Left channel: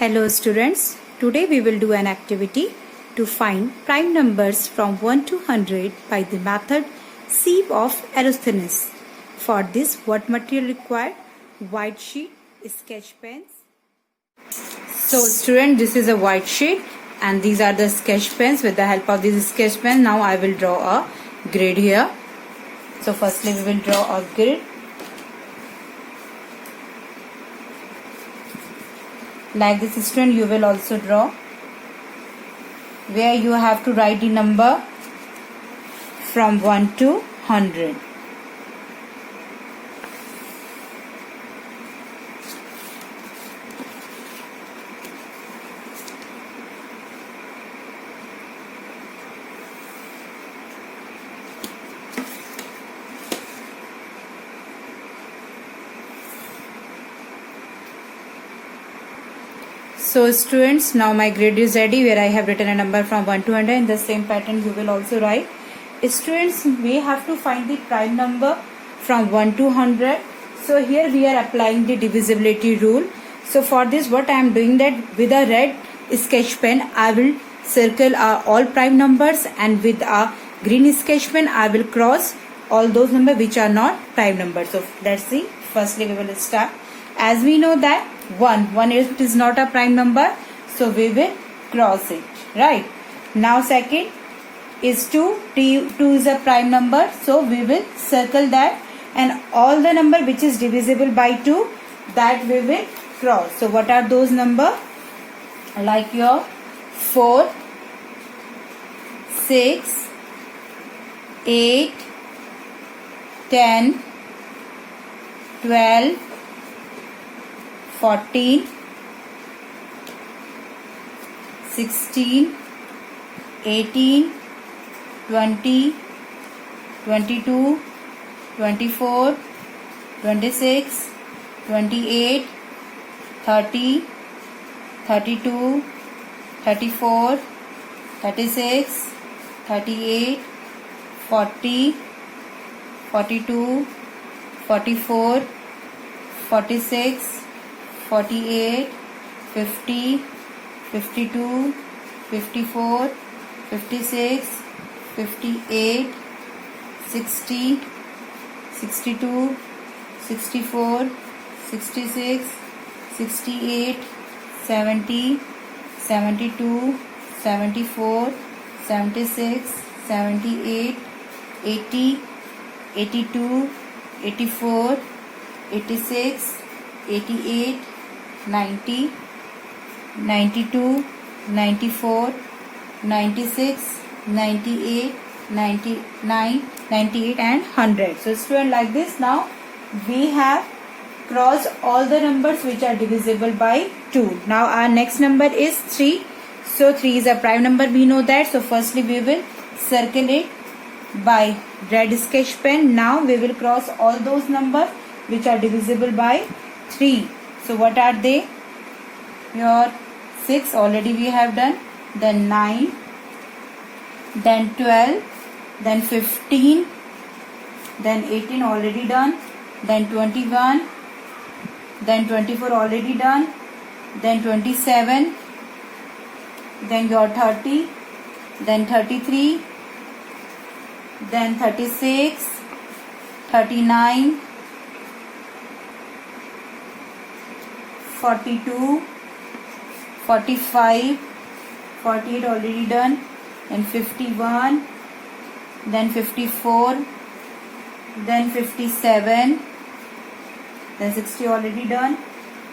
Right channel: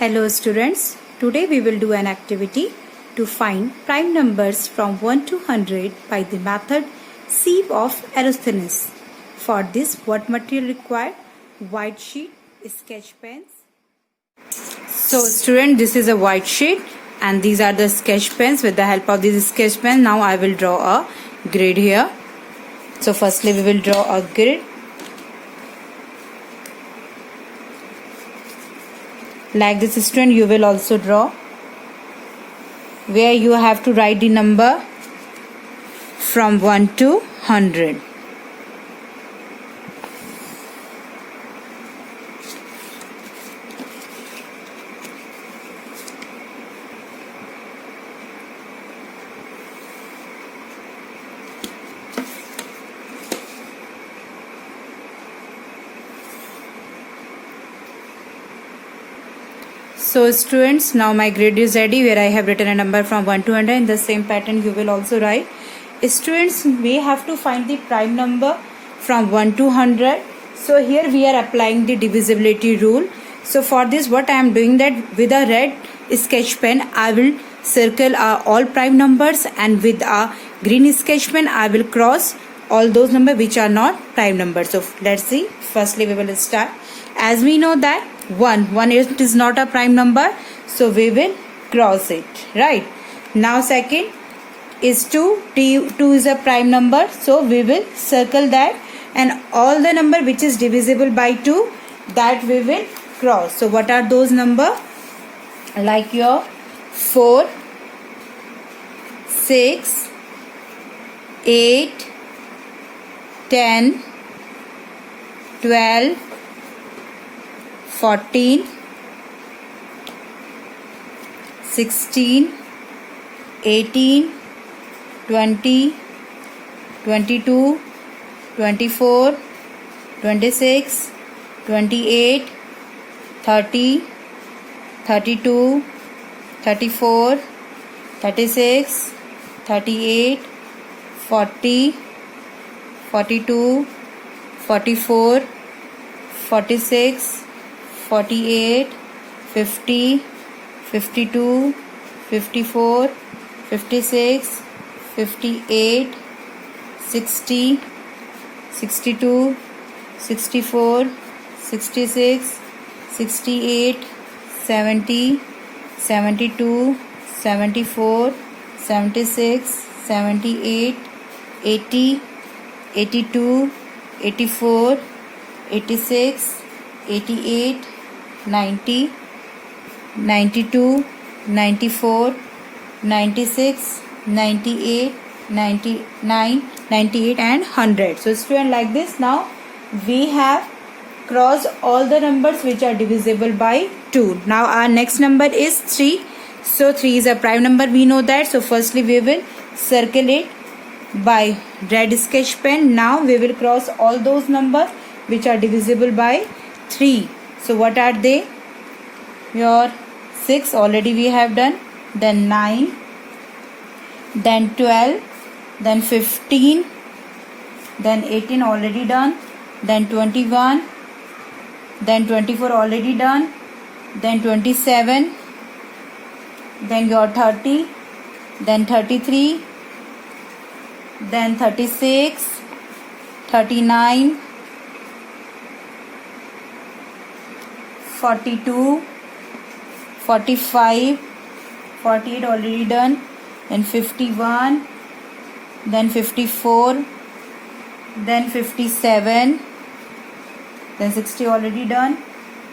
Hello students, today we will do an activity to find prime numbers from 1 to 100 by the method sieve of Eratosthenes. For this, what material required? White sheet, sketch pens. So student, this is a white sheet and these are the sketch pens. With the help of this sketch pen, now I will draw a grid here. So firstly we will draw a grid. Like this student, you will also draw where you have to write the number from 1 to 100. So students, now my grid is ready where I have written a number from 1 to 100. In the same pattern you will also write. Students, we have to find the prime number from 1 to 100. So here we are applying the divisibility rule. So for this, what I am doing that with a red sketch pen I will circle all prime numbers, and with a green sketch pen I will cross all those numbers which are not prime numbers. So let's see. Firstly we will start. As we know that 1 is not a prime number, so we will cross it, right? Now second is 2 is a prime number, so we will circle that, and all the number which is divisible by 2, that we will cross. So what are those number? Like your 4, 6, 8, 10, 12, 14, 16, 18, 20, 22, 24, 26, 28, 30, 32, 34, 36, 38, 40, 42, 44, 46, 48, 50, 52, 54, 56, 58, 60, 62, 64, 66, 68, 70, 72, 74, 76, 78, 80, 82, 84, 86, 88, 90, 92, 94, 96, 98, 99, 98 and 100. So student, like this, now we have crossed all the numbers which are divisible by 2. Now our next number is 3. So 3 is a prime number, we know that. So firstly we will circle it by red sketch pen. Now we will cross all those numbers which are divisible by 3. So what are they? Your 6 already we have done, then 9, then 12, then 15, then 18 already done, then 21, then 24 already done, then 27, then your 30, then 33, then 36, 39, 42, 45, 48 already done, then 51, then 54, then 57, then 60 already done,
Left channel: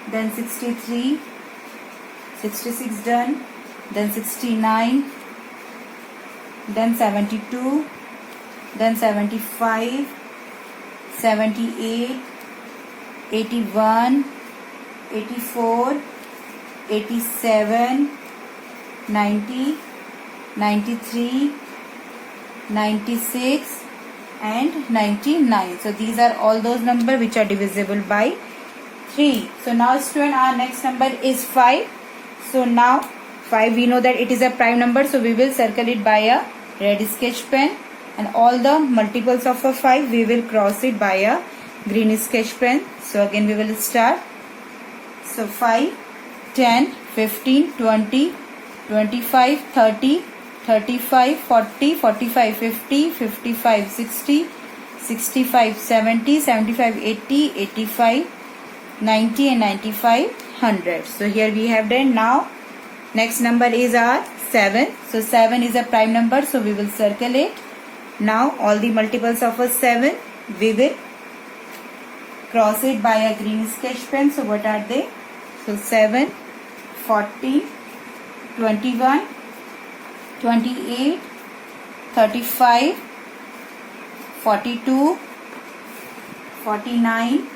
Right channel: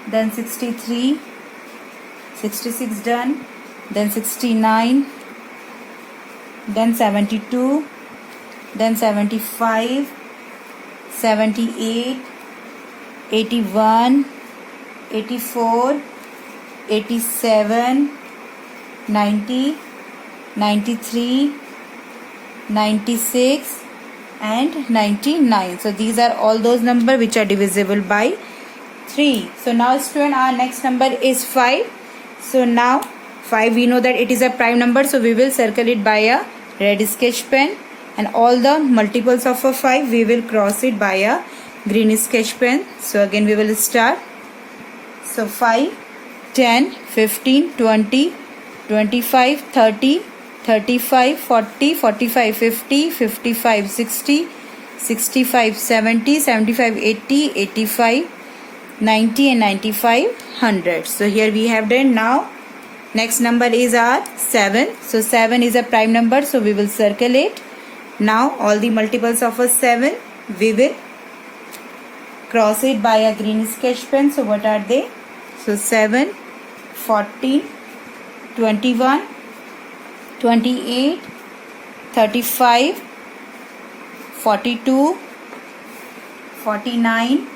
then 63, 66 done, then 69, then 72, then 75, 78, 81, 84, 87, 90, 93, 96 and 99. So these are all those numbers which are divisible by 3. So now student, our next number is 5. So now 5, we know that it is a prime number, so we will circle it by a red sketch pen, and all the multiples of a 5 we will cross it by a green sketch pen. So again we will start. So 5, 10, 15, 20, 25, 30, 35, 40, 45, 50, 55, 60, 65, 70, 75, 80, 85, 90 and 95, 100. So here we have done. Now next number is our 7. So 7 is a prime number, so we will circle it. Now all the multiples of a 7 we will cross it by a green sketch pen. So what are they? So 7, 14, 21, 28, 35, 42, 49,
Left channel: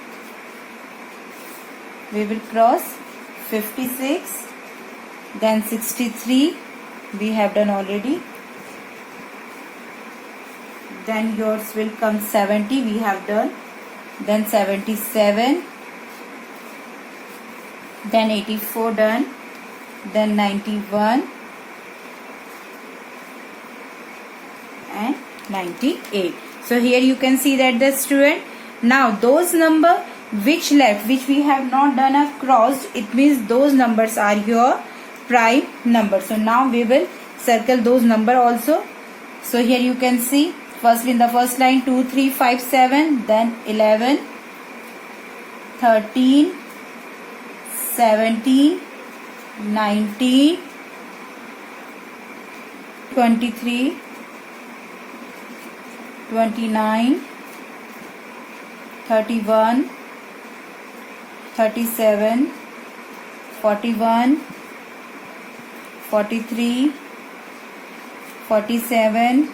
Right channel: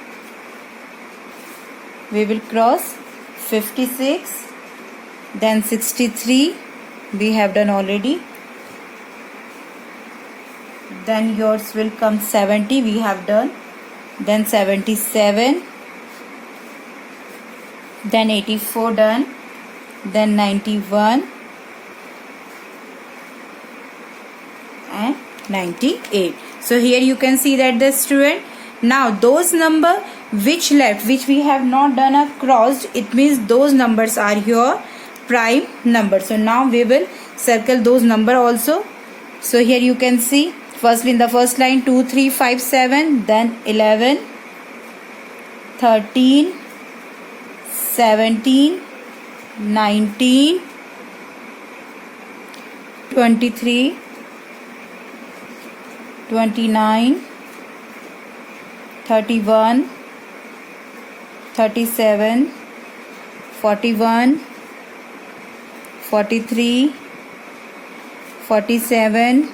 we will cross 56, then 63 we have done already, then yours will come 70 we have done, then 77, then 84 done, then 91 and 98. So here you can see that the student, now those number which left, which we have not done a crossed, it means those numbers are your prime number. So now we will circle those number also. So here you can see firstly in the first line 2, 3, 5, 7, then 11, 13, 17, 19, 23, 29, 31, 37, 41, 43, 47,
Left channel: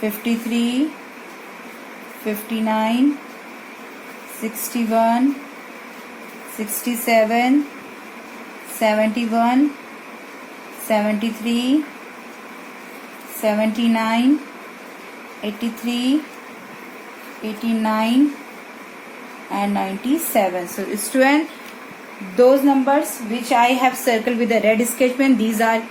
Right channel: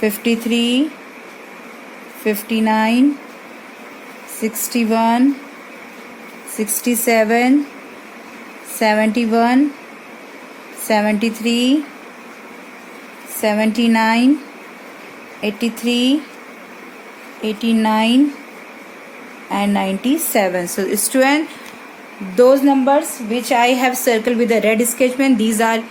53, 59, 61, 67, 71, 73, 79, 83, 89 and 97. So student, those numbers which I have circled with a red sketch pen, these are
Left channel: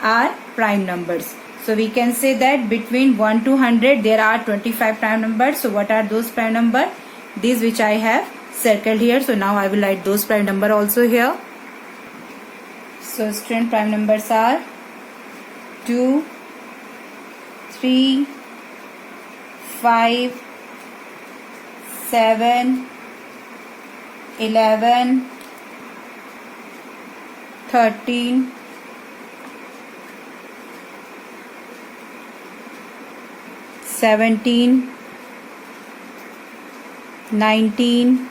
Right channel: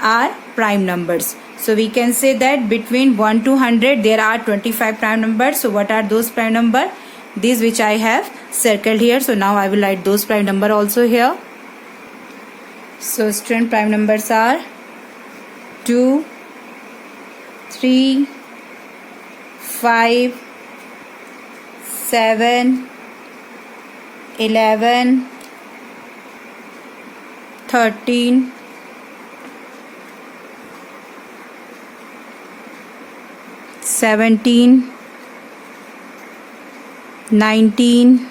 our prime numbers. So we can say that between 1 to 100 there are 25 prime numbers. So what are those prime number? These which I have circled here. So now I will write those prime number also here. So student, prime numbers are 2, 3, 5, 7, 11, 13, 17, 19,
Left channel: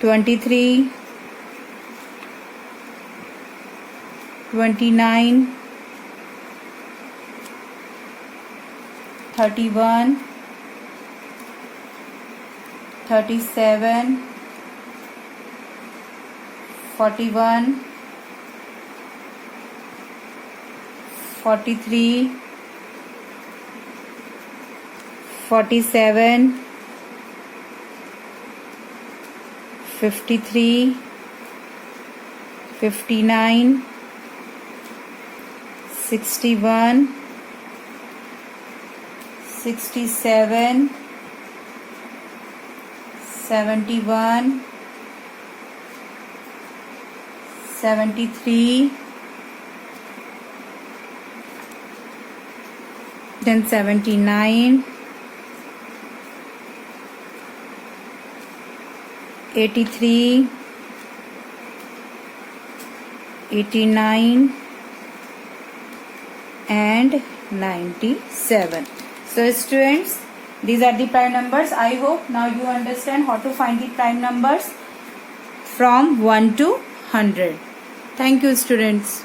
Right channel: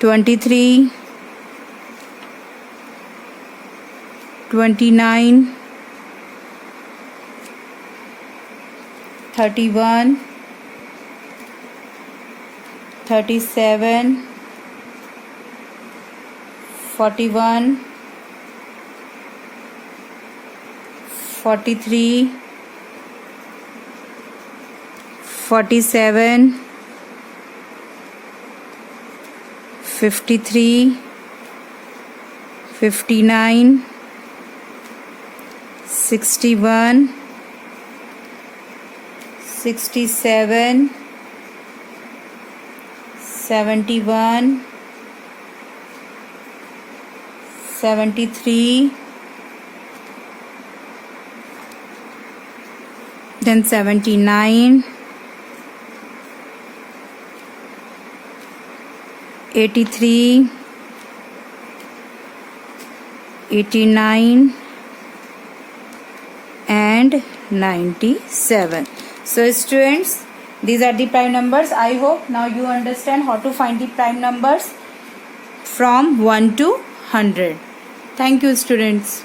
23, 29, 31, 37, 41, 43, 47, 53, 59, 61, 67, 71, 73, then 79, 83, 89 and 97. So students, these are the prime numbers. I hope now you understand how to find the prime numbers from 1 to 100. Thank you students.